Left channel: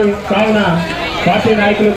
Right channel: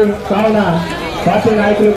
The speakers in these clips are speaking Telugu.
ఉంది కావున పార్టీ నాయకులు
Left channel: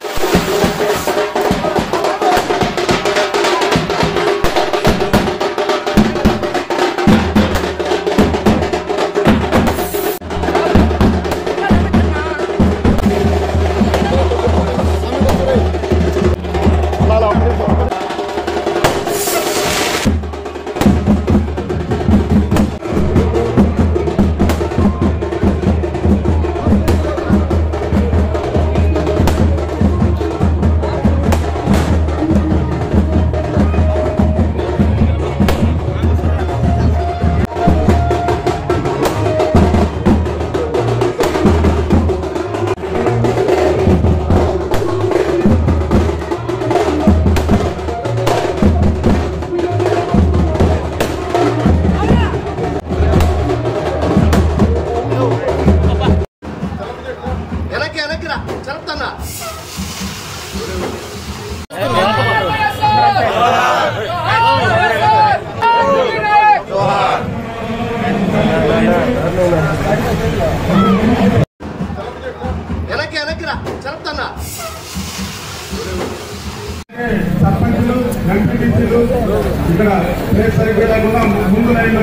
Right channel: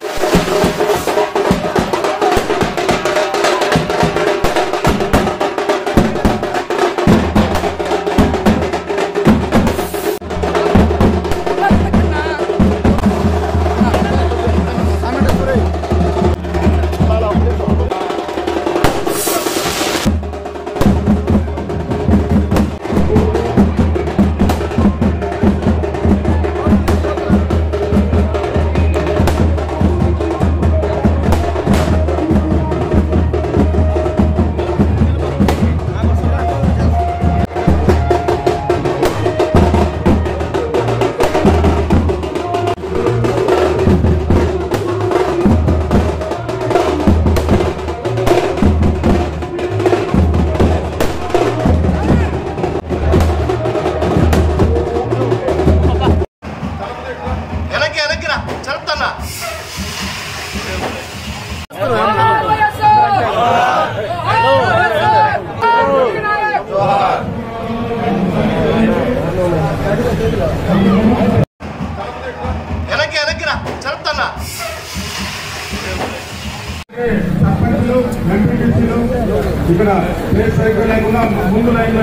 ఇక్కడ ప్లేస్ సరిగ్గా లేకుండా ముందు లైన్లో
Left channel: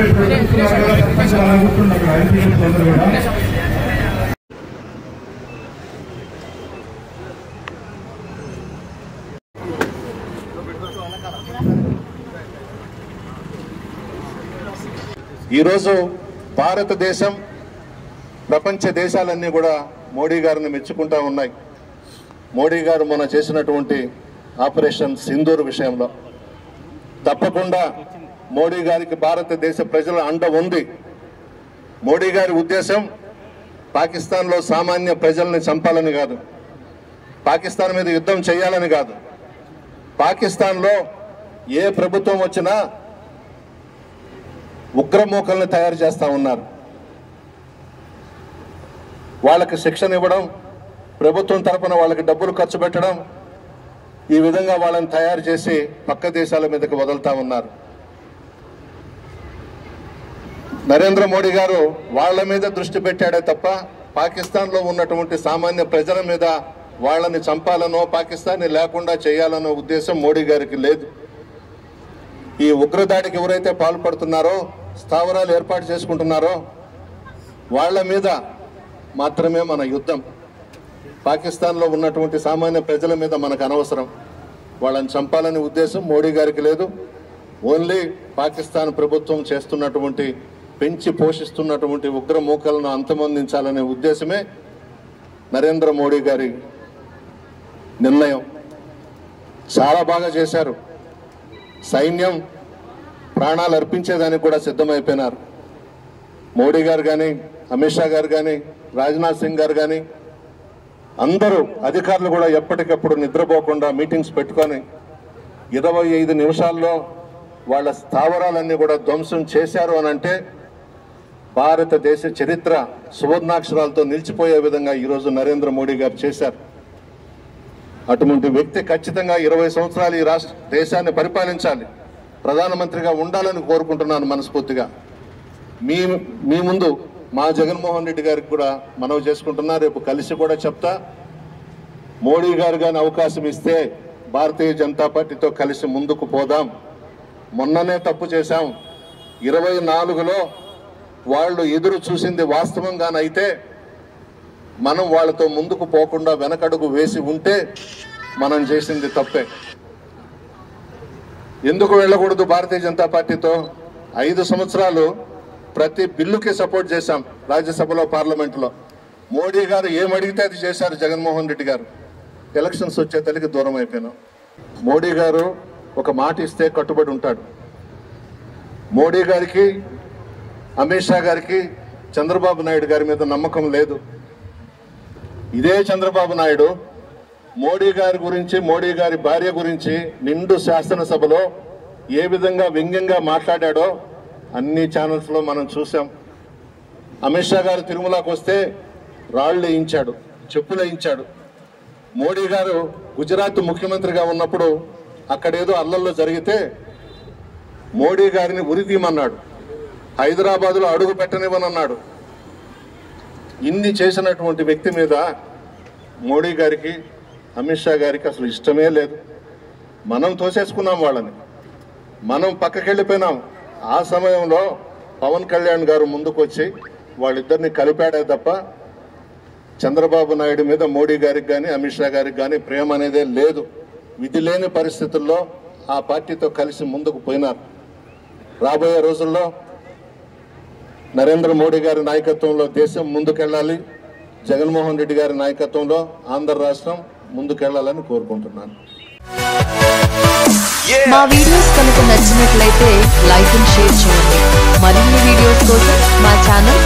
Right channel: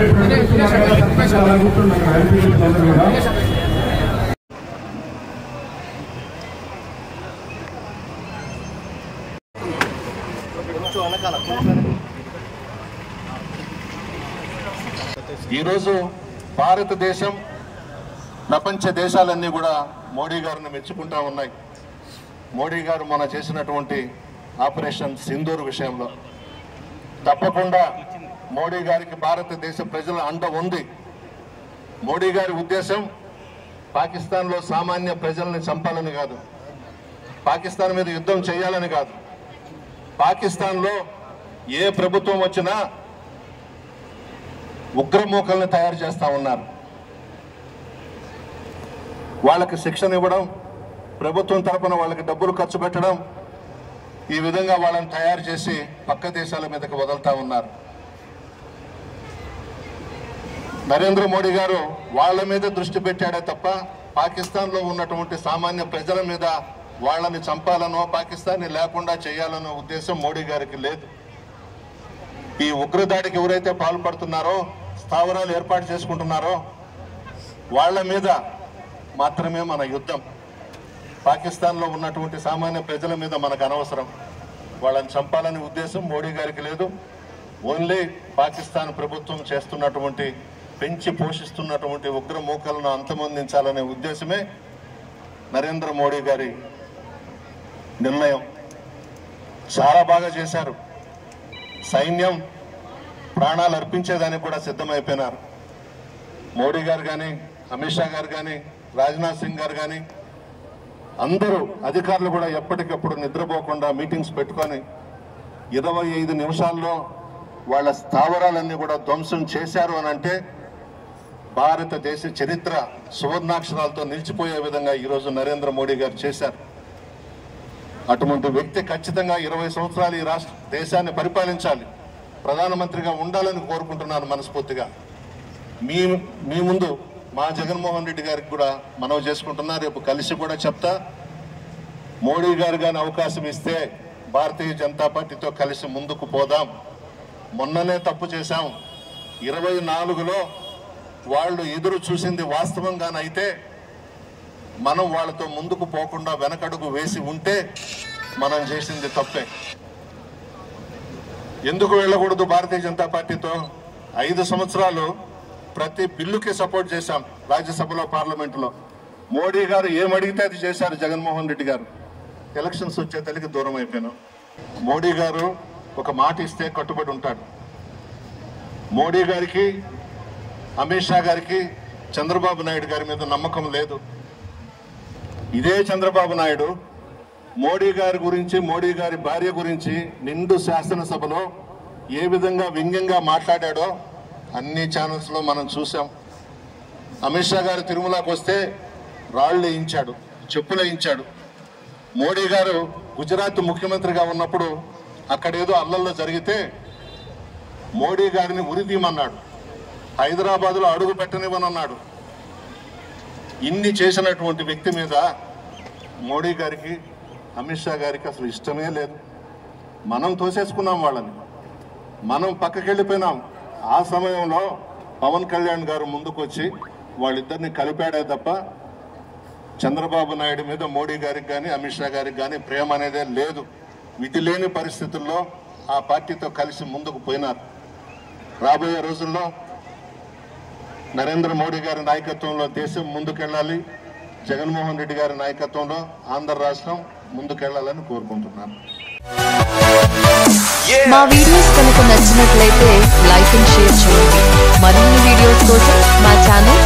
ఈరోజు భారతదేశం ప్రపంచ దేశాలన్నీ కూడా మోడీ గారిని మెచ్చుకుంటా ఉన్నాయి. మోడీ గారు మొన్న చేసినటువంటి ఆపరేషన్ సింధూర్ విషయంలో తప్పకుండా మోడీ గారికి భారతదేశ ప్రజల అండ ఉంది. మోడీ గారి ఉద్దేశం పాకిస్తాన్లో సామాన్య ప్రజల్ని చంపాలని కాదు, పాకిస్తాన్ మీద యుద్ధం చేయాలని కాదు. పాకిస్తాన్లో ఏ ప్రభుత్వం వచ్చినా ఉగ్రమూకల్ని తయారు చేస్తా ఉన్నారు. వాళ్ళకి శిక్షణ ఇవ్వడం, ప్రభుత్వం తరపున వాళ్ళకి డబ్బులు ఖర్చు పెట్టడం, ఈ విధంగా వాళ్ళని తయారు చేసి పక్క దేశాల మీదకి వదులుతా ఉన్నారు. నరేంద్ర మోడీ గారు వాళ్ళ మీద దృష్టి పెట్టాడే తప్ప పాకిస్తాన్లో ఉన్నటువంటి సామాన్య ప్రజల మీద వాళ్ళని చంపాలనో పాకిస్తాన్ని లేకుండా చేయాలనో ఉద్దేశం మోడీ గారికి లేదు. ఈ ఉగ్రదాడికి ఎవరైతే పాల్పడుతున్నారో, స్థావరాలు ఏర్పాటు చేసుకుంటున్నారో వాళ్ళ మీద మాత్రమే మన యుద్ధం. పాకిస్తాన్లో ఉన్నటువంటి సామాన్య ప్రజల మీద మనకు అనవసరం. వాళ్ళని చంపాలనే ఉద్దేశం మోడీ గారికి లేదు. ఓన్లీ పాకిస్తాన్ ప్రభుత్వం చేస్తున్నటువంటి పెంచి పోషిస్తున్నటువంటి ఉగ్రమూకలను అంతమొందించాలనే ఉద్దేశమే నరేంద్ర మోడీ గారి నిర్ణయం. చాలా బాగా చేశారు. సైన్యం ప్రాణాలు అర్పించేదానికి కూడా సిద్ధమైపోయినారు. మోడీ గారు కానీ, అమిత్ షా గారు కానీ, రాజ్నాథ్ సింగ్ గారు కానీ అందరూ అధికారులు కూడా ఎప్పటికప్పుడు నిద్రపోకుండా మీటింగ్స్ పెట్టుకొని 25 నిమిషాల్లో వాళ్ళ స్థావరాలన్నీ కూడా ధ్వంసం చేశారు అని అంటే భారతదేశ చరిత్ర సువర్ణాక్షరాలతో నిలిచిపోయే విధంగా ఈరోజు నరేంద్ర మోడీ గారు చేశారు. అటువంటి వ్యక్తి ఖచ్చితంగా 20 సంవత్సరాలు ఈ రాష్ట్ర దేశాన్ని పరిపాలించాలి, ప్రధానమంత్రిగా ఉండాలని కోరుకుంటున్నాను మనస్ఫూర్తిగా. మీ ముందు మా జగన్మోహన్ రెడ్డి గారికి కూడా మనవి చేసుకుంటున్నా. రేపు కలిసి కూడా చెప్తా. మోడీ గారు కానీ అవకాశం ఇస్తే భారతీయ జనతా పార్టీతో కలిసి ముందుకు పోదాం. మొన్ననే తప్పు చేశాం. 24లో వాళ్ళు ఎదురు చూసింది వాస్తవంగానైతే మనం వాళ్ళతో ముందుకు పోకుండా వెనకడుగు వేసి ఉంటే మనం చేసింది తప్పే. ఎందుకు వెళ్ళకూడదు భారతీయ జనతా పార్టీతో? 5 సంవత్సరాలు ప్రతి బిల్లుకి సపోర్ట్ చేశాం రాజ్యసభలో, పార్లమెంట్లో. మోడీ గారు ఏమడిగితే అది చేశారు జగన్మోహన్ రెడ్డి గారు. ఎలక్షన్స్ వచ్చే తల్లికి దూరం అయిపోయినాం. మోడీ గారు ఒక మాట ఇస్తే కట్టుబడి ఉంటాడు. మోడీ గారికి, అమిత్ షా గారికి చంద్రబాబు నాయుడు గారి మీద నమ్మకం లేదు. ఇదే చంద్రబాబు నాయుడు మోడీ గారి గురించి, మోడీ గారి భార్య గురించి నిండు శాసనసభలో ఏ విధంగా వ్యంగ్యంగా మాట్లాడాడో అన్ని ఛానల్స్ లో మనం చూసాం. అమిత్ షా గారు తిరుమలకు వస్తే రాళ్లు వేయించాడు, చెప్పులు వేయించాడు. మోడీ గారు గుజరాత్ ముఖ్యమంత్రిగా ఉన్నప్పుడు అక్కడేదో అల్లల్లో జరిగితే మోడీ గారిని ఉరిదీయమన్నాడు, హైదరాబాద్లో అడుగు పెట్టనివ్వనన్నాడు. ఇన్ని చేసినటువంటి వ్యక్తి మీద మోడీ గారికి అమిత్ షా గారికి అసలు ఇష్టమే లేదు. మనం తోసేసుకున్నాం వాళ్ళని, మనం పక్కకి వెళ్ళిపోయినాం. ఆ సమయంలో పవన్ కళ్యాణ్ గారు ముందుకు వచ్చి వాళ్ళిద్దరిని కలిపాడే తప్ప చంద్రబాబు నాయుడు మీద మోడీ గారికి కానీ అమిత్ షా గారికి కానీ ప్రేమ అనేదే లేదు. విధి లేని పరిస్థితుల్లో ఆ పార్టీతో కలిసి ముందుకు పోయినారు. రాబోయే రోజుల్లో నరేంద్ర మోడీ గారి నాయకత్వంలో దేశం ముందుకెళ్లాలి, జగన్మోహన్ రెడ్డి గారి నాయకత్వంలో ఆంధ్ర రాష్ట్రం ముందుకెళ్లాలని కోరుకుంటున్నాను. మా వీడియోస్ కనుక నచ్చినట్లయితే లైక్ అండ్ షేర్ చేయండి. మరిన్ని వీడియోస్ కోసం మా ఛానల్